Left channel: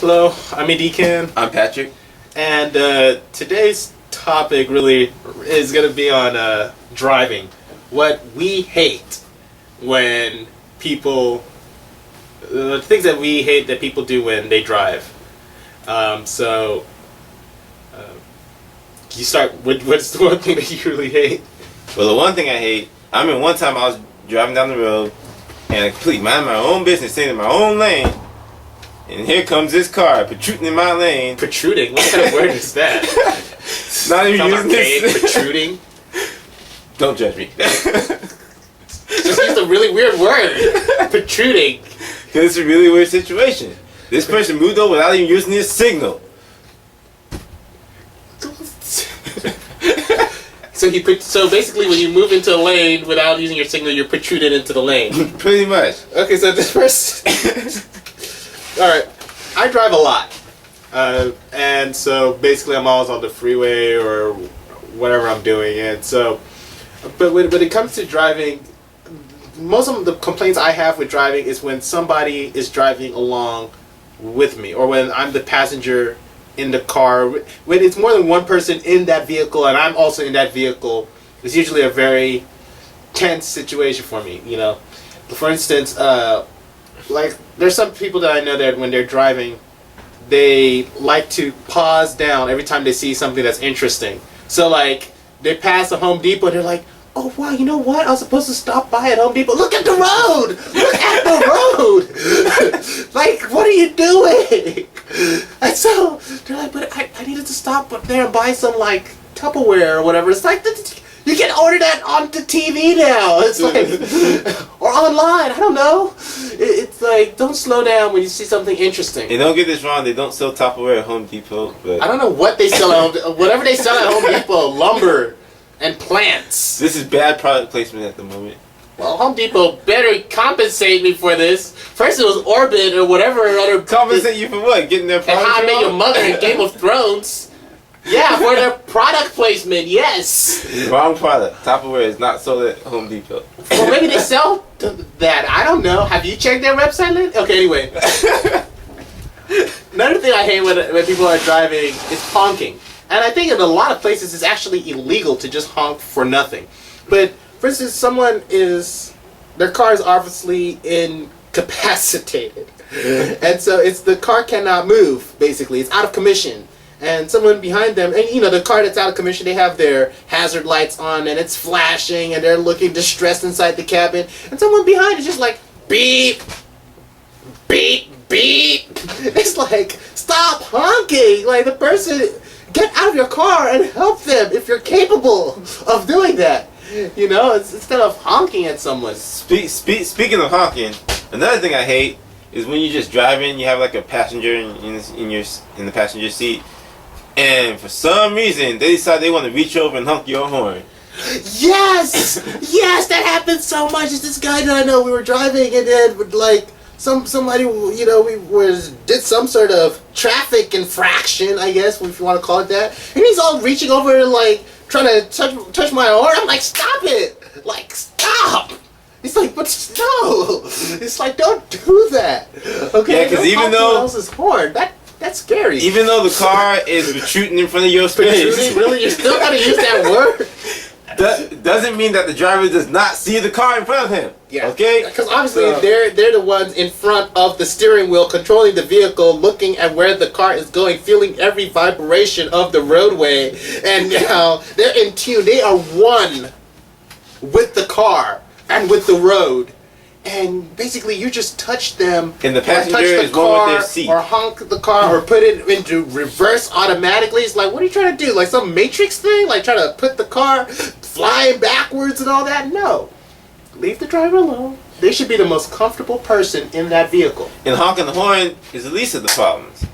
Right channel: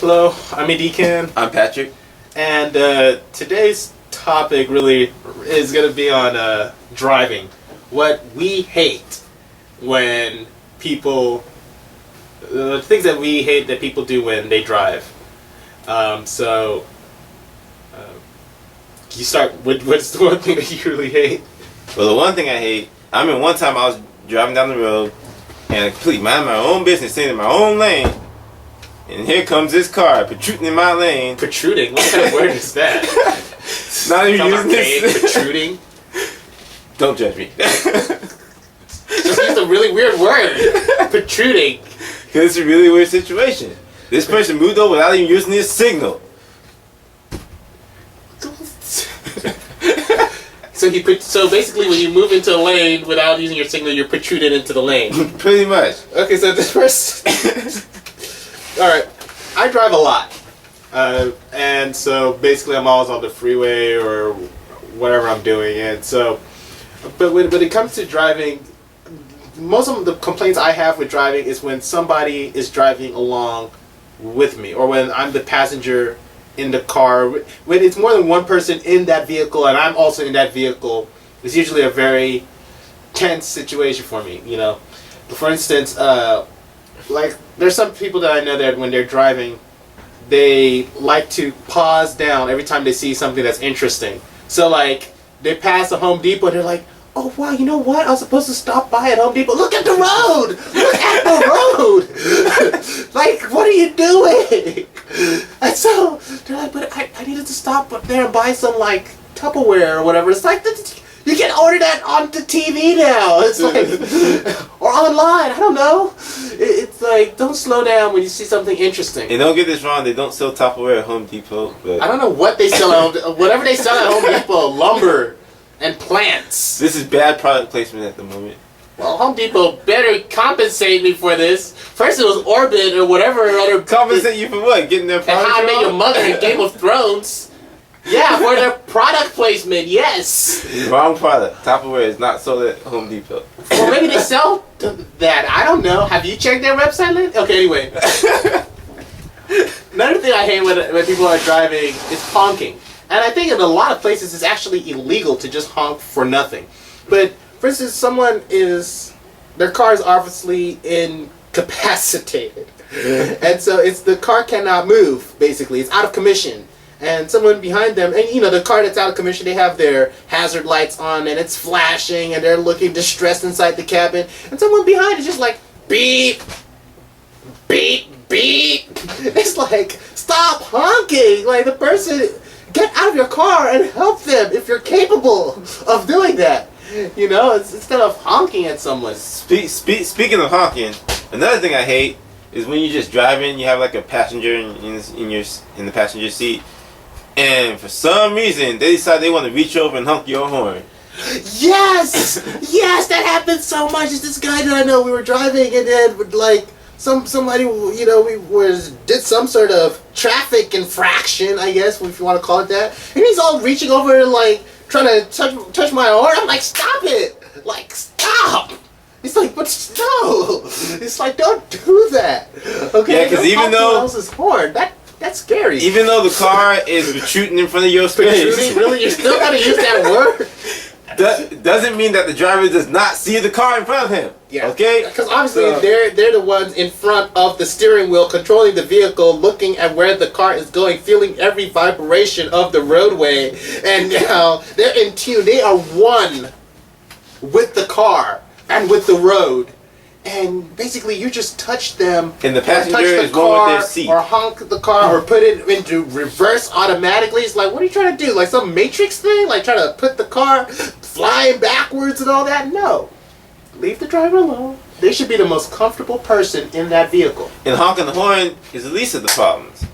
Hello, I'm Edikan. I'm Patrick. And today's topic really is going to be on driving. What we hate when people... the things that we hate that people do when they drive. You start with what's the one thing that you really hate? Well, the one thing I hate, one time I was driving down the road and I completely mind my own business, staying in my own lane, and here comes this car protruding in my lane. Protruding? What kind of word is that? Not even using this. Protruding? Don't judge me. Just use a really weird word. Protruding. Because it's a really weird situation. This person moved over without even using his signal. So basically, when you move into a lane without using your signal, you're protruded into the lane. Pretty much. Okay, so this person. All right, I drive a lot, and so basically, I'm always on the freeway or whatever I'm doing, and so. But when it comes to driving, most of the complaints I have with driving is when somebody is driving along with me, or when I'm the passenger in the car. When it's more than one person in that vehicle and I'm also in that vehicle, it's usually a very tense situation for me, you know. For instance, like there's some people that I know that when they're driving, they like to pause down every time they see something that's interesting. So like they pass a Home Depot and they're like, oh wow, you know what? I was supposed to stop by at Home Depot. Look at the road! Look at the road! Like, what are you doing? And so they're like, but I needed to stop up there and buy some like Tupperware or whatever. It's like you can order that on the TV now. It's like or online. I don't know. It's like don't slow down when you see something interesting. And don't get this wrong. They don't sell Tupperware at Home Depot. But I don't know what they sell at Home. Whatever they sell at Home Depot, lumber. And plants. This is bad product placement at the moment. Well, Home Depot better compensate me for this. First it was Orbit or whatever other... Compensate you for what? Getting their product and How I Met wrong? Your Mother in Game of Thrones. Yeah, for their product placement, yes. Wrong product. Tupperware is not sold at Home Depot. Well, maybe they sell that. I don't know. Have you checked their website, Lynn? Okay, anyway. Another thing I hate when people are driving is honking. And I think in a lot of places it's actually illegal to just honk for nothing. But, for instance, their car is obviously incapacitated. And so the car cannot move, basically. It's out of commission. And someone behind them, and you know, the car that's out of commission, they have their hazard lights on and it's flashing and they're looking distressed inside the cabin. And someone behind is just like, beep, beep, beep. It's like, stop honking. Like, the person... Get out of your car and help them if you're capable of doing that. You know, instead of honking at someone. Speaking of honking, another thing I hate is when you're just driving, you have like a passenger in the passenger seat, and for some reason they decide they want to reach over and honk your horn. Yes, yes, that happens so much. It's this guy that I know. We were driving and then like. Somebody, you know, did some sort of traffic infraction, I guess, if you want to call it that. And he's all reaching over and like trying to touch my arm. I'm like, stop it! Like, stop! He's like, but no! It's like, don't do that. Okay, yeah, because even though someone else's horn, that's scary. Even though the car is protruding in front of your space, protruding? Really, you're still gonna use that word? Doesn't mean that the driver does not see the car in front of him. Yeah. Okay? Because obviously they're the ones in front of the steering wheel, controlling the vehicle, looking at where the car is going, feeling every vibration of the roadway, and now they're in tune. They are one with the car and with the road. And basically, you just touch them, and the passenger touch is one with their seat, or honk the car, or put it into reverse automatically. It's like, what are you trying to do? Like some Matrix thing? Like trying to put the car flying backwards and all that? No, leave the driver alone. They should be the most comfortable person in that vehicle. And honking the horn is the least of the problems.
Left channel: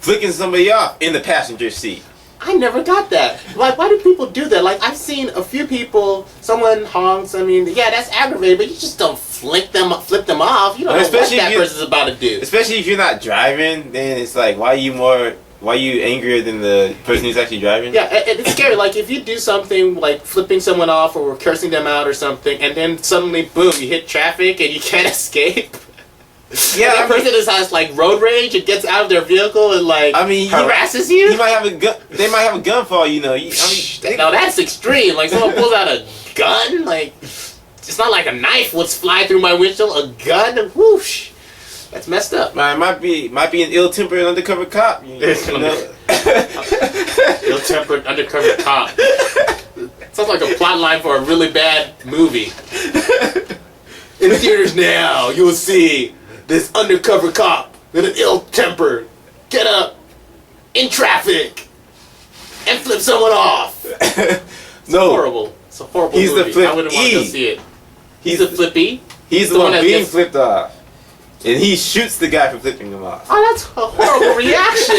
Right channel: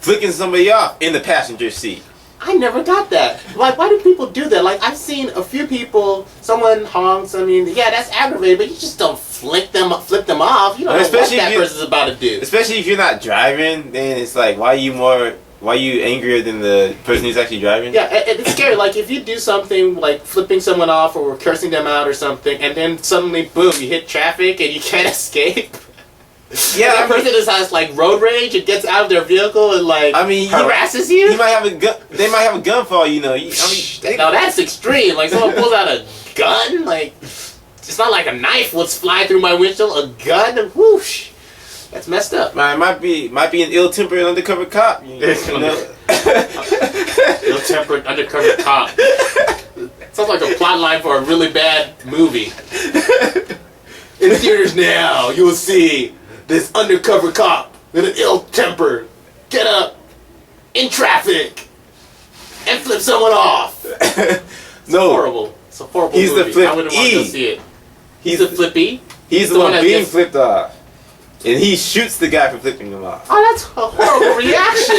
Flicking somebody off in the passenger seat. I never got that. Like, why do people do that? Like, I've seen a few people, someone honks, I mean, yeah, that's aggravating, but you just don't flip them off. You don't know what that person's about to do. Especially if you're not driving, then it's like, why are you angrier than the person who's actually driving? Yeah, it's scary. Like, if you do something like flipping someone off or cursing them out or something, and then suddenly, boom, you hit traffic and you can't escape. Yeah, that person just has like road rage and gets out of their vehicle and like harasses you. He might have a gun. They might have a gun for all you know. No, that's extreme. Like someone pulls out a gun. Like it's not like a knife would fly through my windshield. A gun, whoosh. That's messed up. Man, might be an ill-tempered undercover cop. You know? Ill-tempered undercover cop. Sounds like a plot line for a really bad movie. In the theaters now, you will see this undercover cop with an ill-temper get up in traffic and flip someone off. It's horrible. It's a horrible movie. The flip I wouldn't want to go see it. He's the flippy. He's the one being flipped off. And he shoots the guy for flipping him off. Oh, that's a horrible reaction.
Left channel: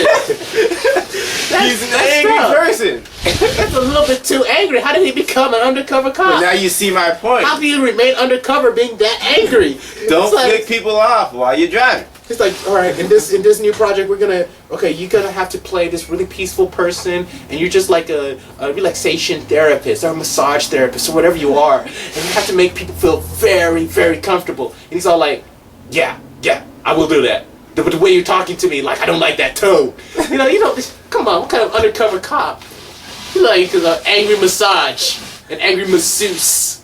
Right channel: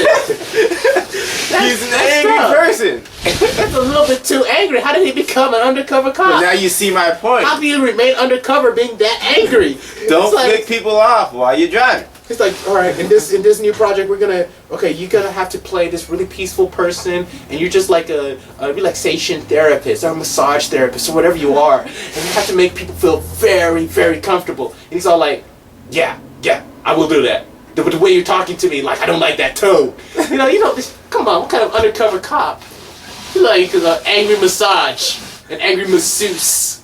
He's an angry person. That's a little bit too angry. How did he become an undercover cop? But now you see my point. How do you remain undercover being that angry? Don't flick people off while you're driving. It's like, all right, in this new project, you're gonna have to play this really peaceful person, and you're just like a relaxation therapist or a massage therapist or whatever you are, and you have to make people feel very, very comfortable. And he's all like, yeah, I will do that. But the way you're talking to me, like, I don't like that tone. You know, come on, what kind of undercover cop? You like an angry massage, an angry masseuse.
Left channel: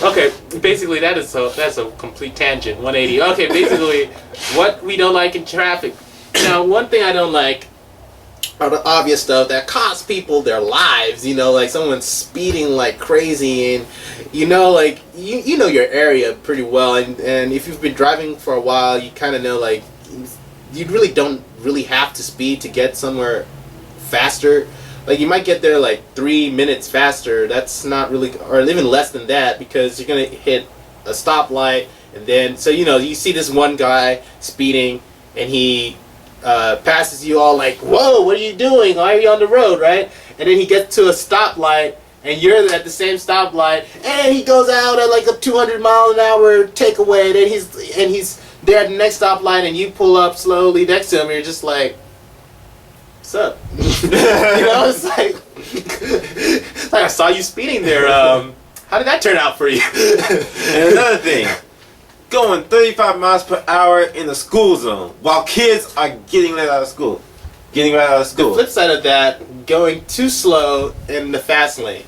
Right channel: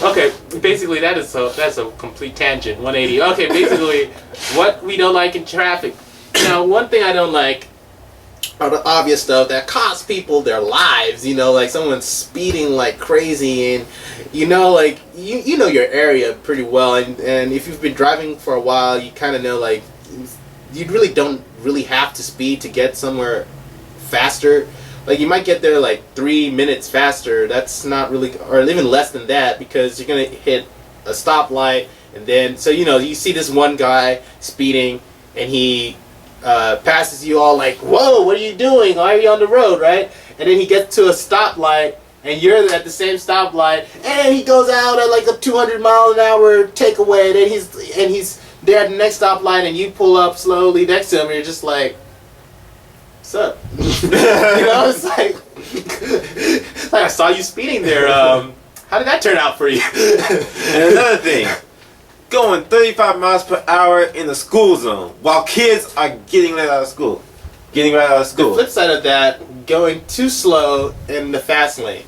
Okay, basically that's a complete tangent, 180. Okay, basically, what we don't like in traffic. Now, one thing I don't like are the obvious stuff that costs people their lives. You know, like someone's speeding like crazy, and you know, like you know your area pretty well, and if you've been driving for a while, you kind of know like you really don't really have to speed to get somewhere faster. Like you might get there like 3 minutes faster. That's not really, or even less than that, because you're gonna hit a stoplight, and then so you know you see this one guy speeding, and he passes you all like, whoa, what are you doing? Why are you on the road, right? And then he gets to a stoplight, and you're at the same stoplight, and he goes out at like a 200-mile-an-hour takeaway, and he's there at the next stoplight, and you pull up slowly next to him, and you're just like, what's up? You know, it's like I saw you speeding there. How did that turn out for you? And another thing, going 35 miles per hour in the school zone while kids are getting let out of school. The flip side of that, going too slow in the fast lane.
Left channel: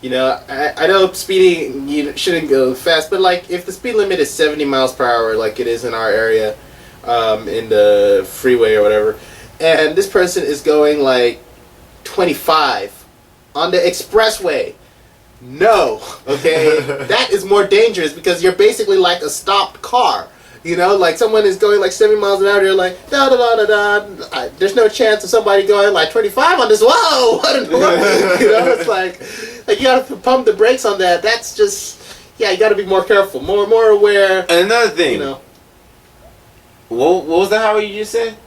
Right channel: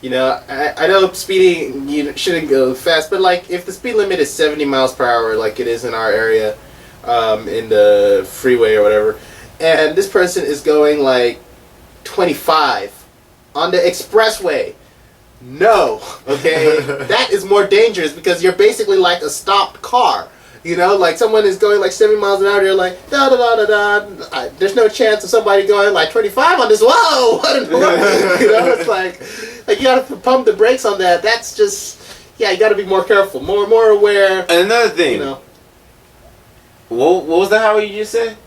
You know, I know speeding, you shouldn't go fast, but like if the speed limit is 70 miles per hour like it is in our area, in the freeway or whatever, and this person is going like 25 on the expressway. No, okay? That is more dangerous because you're basically like a stopped car. You know, like someone is going like 70 miles an hour, you're like, da da da da da. There's no chance of somebody going like 25 on this. Whoa! What in the world? You know, it's like you gotta pump the brakes on that. That's just, yeah, you gotta be more careful, more aware. And another thing, you know, what was the highway you just said?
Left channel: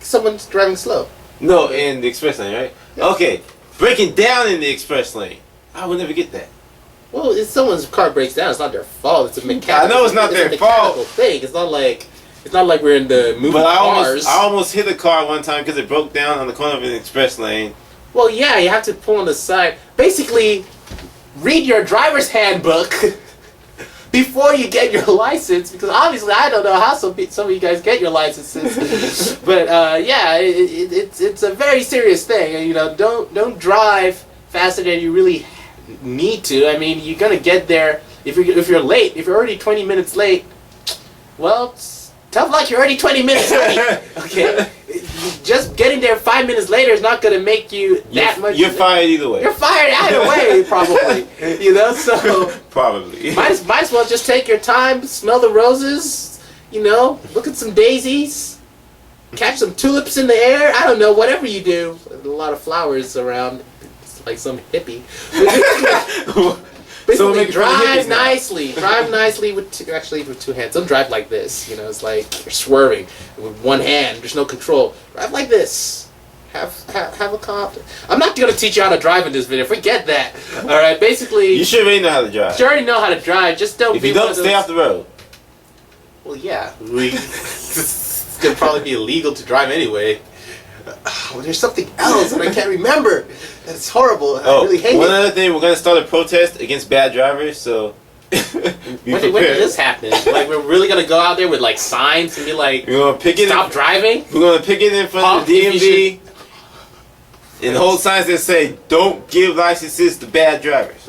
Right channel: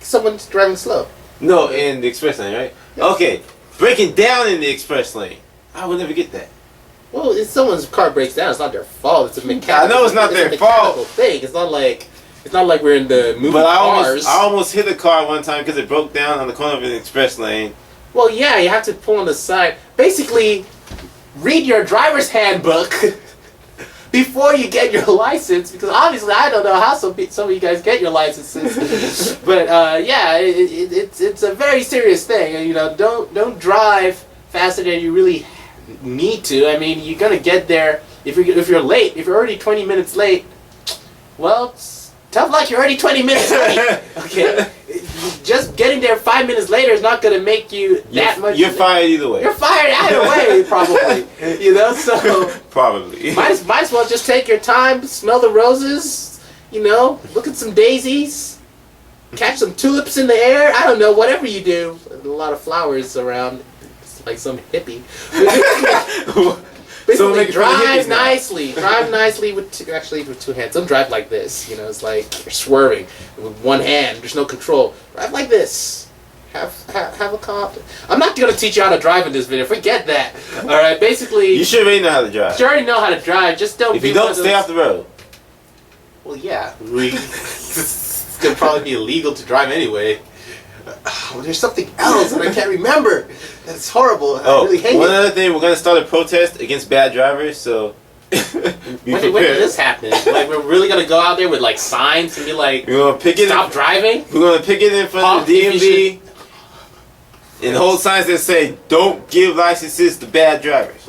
Someone's driving slow. No, in the express lane, right? Yeah. Okay, breaking down in the express lane. I would never get that. Well, if someone's car breaks down, it's not their fault. It's a mechanical. I know it's not their fault. Thing. It's not like we're in the movie cars. I almost hit a car one time because it broke down on the corner of an express lane. Well, yeah, you have to pull on the side. Basically, read your driver's handbook before you get your license, because obviously I don't know how some of you guys get your licenses. But yeah, it's a very serious thing. You know, don't drive faster than you really need to. I mean, you're gonna get there if you're late. If you're already 20 minutes late, well, it's tough luck. You're already 20 minutes late. Okay, just getting there 5 minutes later is not gonna make you that much. You're fired either way. You're fired either way, probably. You know, so probably might as well just take your time, smell the roses. You know, look at some daisies, catch some tulips in the air. I don't know, whatever you do. A lot of flowers around. Like some hippie. Basically, drive nicely. Drive nicely with two hands. Don't drive like this. You know, it's like you're swerving with one hand. There's no control. Drive like this. Have a confidence. I'm not gonna teach you how to drive in this video. Forget that. All right. Basically, you should already know how to drive. You already know how to drive. Just don't. If you don't, stay off the road. Well, yeah. It's gonna probably be illegal to drive anyway. Oh, there's something else that I can't remember. That's horrible. I really hate it. One other thing, we're going to start a protest against bad drivers. So When did this happen? Like, we're really gonna go out there with like signs and be like, we're gonna pick it. Stop driving. We're gonna pick it in front of the DMV and hold signs that say, "Don't give licenses to bad drivers."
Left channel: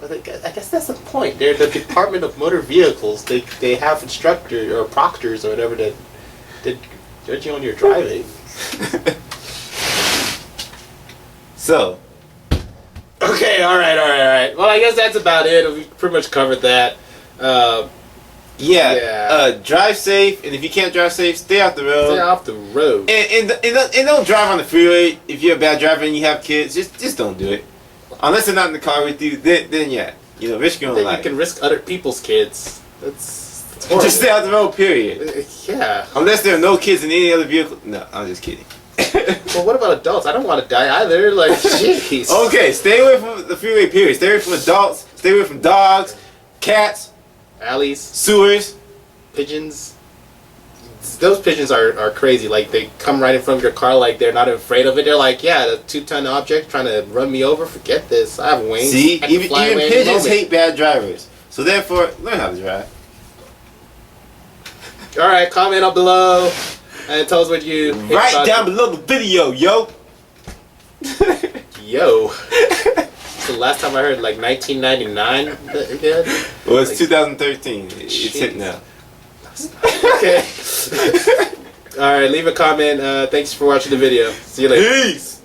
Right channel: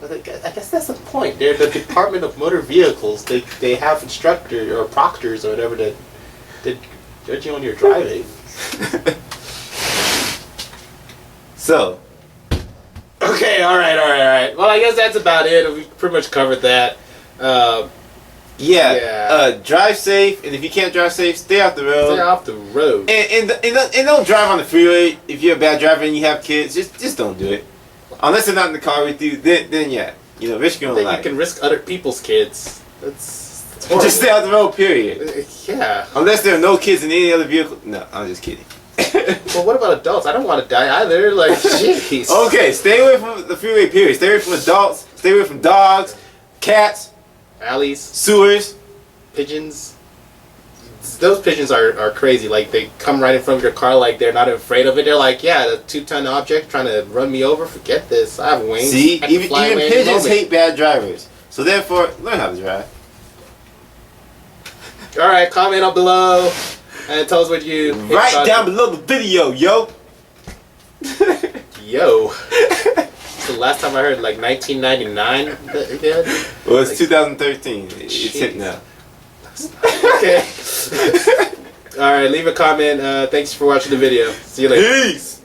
But I guess that's the point. They're the Department of Motor Vehicles. They have instructors or proctors or whatever that judge you on your driving. So. Okay, all right. Well, I guess that's about it. We pretty much covered that. Drive safe, and if you can't drive safe, stay off the road. Stay off the road. And don't drive on the freeway if you're a bad driver and you have kids. Just don't do it. Unless they're not in the car with you, then yeah. Risk your own life. You can risk other people's kids. That's horrible. Just stay off the road, period. Yeah. Unless there are no kids in any other vehicle. No, I'm just kidding. Well, what about adults? I don't want to die either. Like, jeez. Okay, stay away from the freeway, period. Stay away from adults. Stay away from dogs, cats, alleys, sewers, pigeons. Those pigeons are crazy. Like, they come right in front of your car like they're not afraid of it. They're like, yeah, the 2-ton object trying to run me over. Forget this. I have wings. See, even pigeons hate bad drivers. So therefore, learn how to drive. All right, comment up below. And tell us what you right down below the video, yo. Yo. It's the last time I heard like 1999 again. Well, it's like, 2013. It's hit now. Okay. All right, leave a comment. Thanks for watching the video. See you later. Peace.